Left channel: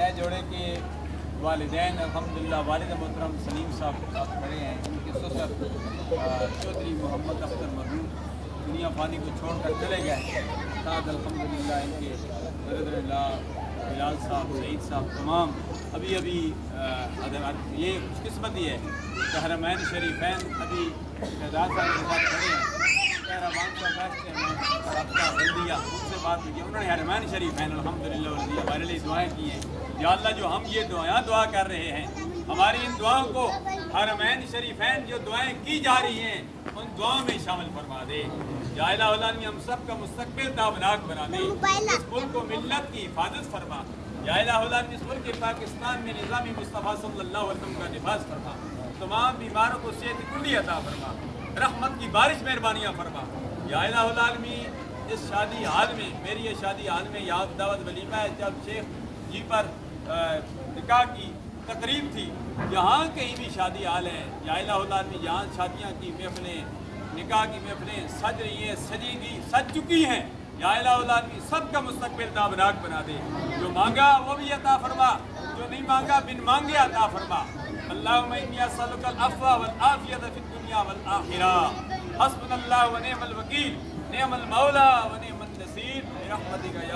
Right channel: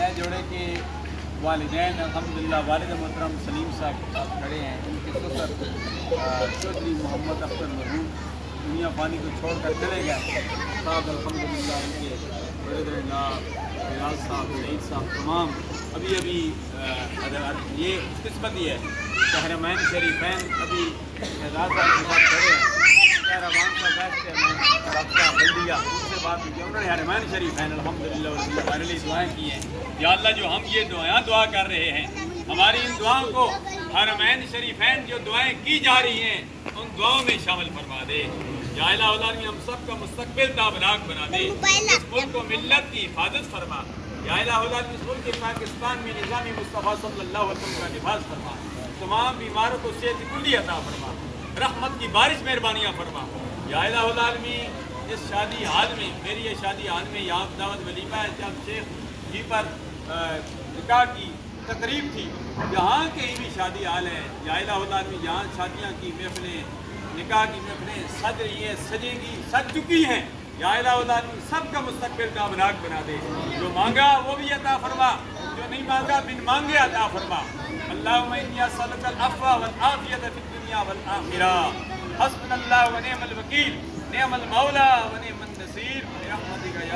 نئے جوڑے کے والدین الحمدللہ والد محترم سلیم صاحب کھڑے ہیں. ان کے سسر چودھری محمد اختر مرحوم دنیا فانی کو چھوڑ کر چلے گئے. ساتھ الحمدللہ ان کے برادر اللہ بلال صاحب سعید صاحب تمام ابھی یہ قسمت یہ ہے کہ حرمین شریفین ابھی شہزاد صاحب کے ساتھ کھڑے ہیں. کہربان صاحب سے رابطہ بلدیہ ان سے بات ہوئی. انہوں نے حرمین شریفین الحمدللہ ہمارے لیے دعائیں کی ہیں. یا اللہ جو ہم یہ دعا کر رہے ہیں ہماری ان دعاؤں کو حرمین شریفین جو دعائیں کی جا رہی ہیں ان دعاؤں میں شامل فرما دے. یا الہ العالمین ہم سب کا مستقبل تابناک بنا دے. اس ملک کو ملت کی حفاظت فرما. یا الہ العالمین اس ملک پاکستان میں نظام مصطفیٰ صلی اللہ علیہ وسلم کا نفاذ فرما. تمام بیماروں کو صحت کلی عطا فرما. رحمت کی بارش مہربانیاں فرما. یا الہ العالمین اس شادی حال میں میری یہ شادی حال میں یاد دعوت ولیمہ جب شیخ جی پر نکاح کی تقریب تھی یہاں کہیں بھی شادی حال ہے. یا الہ العالمین یہاں شادیاں کی محفلیں نکاح کی محفلیں سج رہی ہیں سج چکی ہیں. یا الہ العالمین سب کا مستقبل تابناک بنا دے. جو مانگا وہ بھی عطا فرما جو نہیں مانگا بن مانگے عطا فرما. اللہم انی اسألک العفو والعافیۃ فی الدنیا والآخرہ. حسبنا اللہ ونعم الوکیل نعم المولا ونعم النصیر برحمتک یا